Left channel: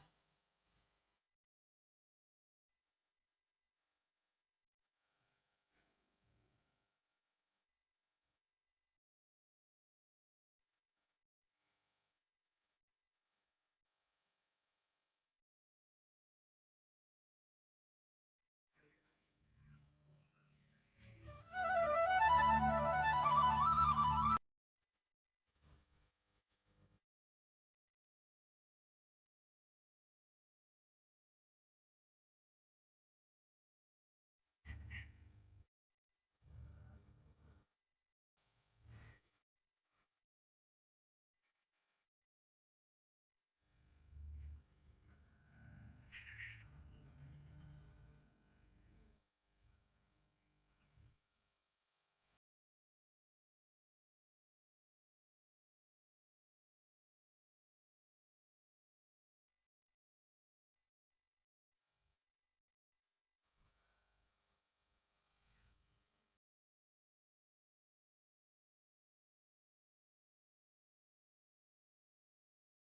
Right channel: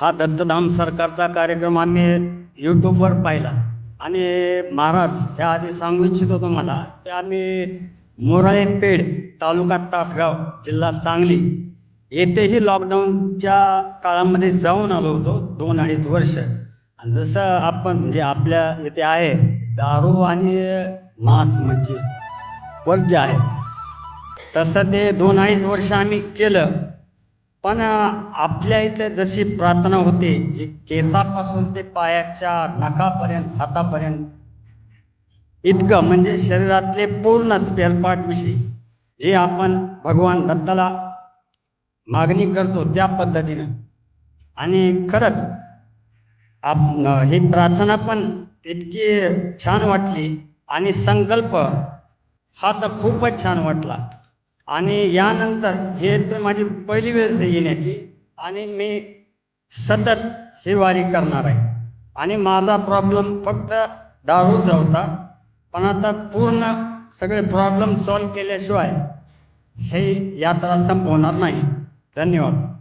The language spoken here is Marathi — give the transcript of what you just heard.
हा दत्तधाम सरकारचा कार्यक्रम आम्ही यूट्यूबवर पाहिला. आणि महाराज ह्या आधी सांगू इच्छितो तुम्हाला की आम्ही मोराळे पेड तालुका तासगाव जिल्हा सांगली येथेही लॉकडाऊनच्या काळामध्ये जाऊन आलो होतो दोन अडीच वर्ष. आणि जसं आपण म्हणजे आपल्या इथे आहे दारू आणि मांस म्हणजे वर्ज आहे. तसं ते दोन अडीच वर्ष आम्ही केलं. पण आपल्या इथे जशी प्रार्थना होते जी केसापासून ते पायाच्या नखापर्यंत हातापर्यंत इतकं म्हणजे शरीरातले पूर्ण स्पेअरपार्टविषयी जे आपण भगवान दत्ताला मागणी करतो त्या पद्धतीनं. आणि खरंच आप ही प्रार्थना पण इतकी छान वाटली आणि संकल्प हा तर खूपच छान वाटला. आणि यानंतर हे तर माझी पहिली वेळ येण्याची. आणि मी सतत ही वारी करणार आहे. आणि माझा प्रॉब्लेम फक्त दारूचा होता. पण आता पूर्ण सगळे प्रॉब्लेम सॉल्व केल्याशिवाय हे यात्रा संपवणार नाही. धन्यवाद.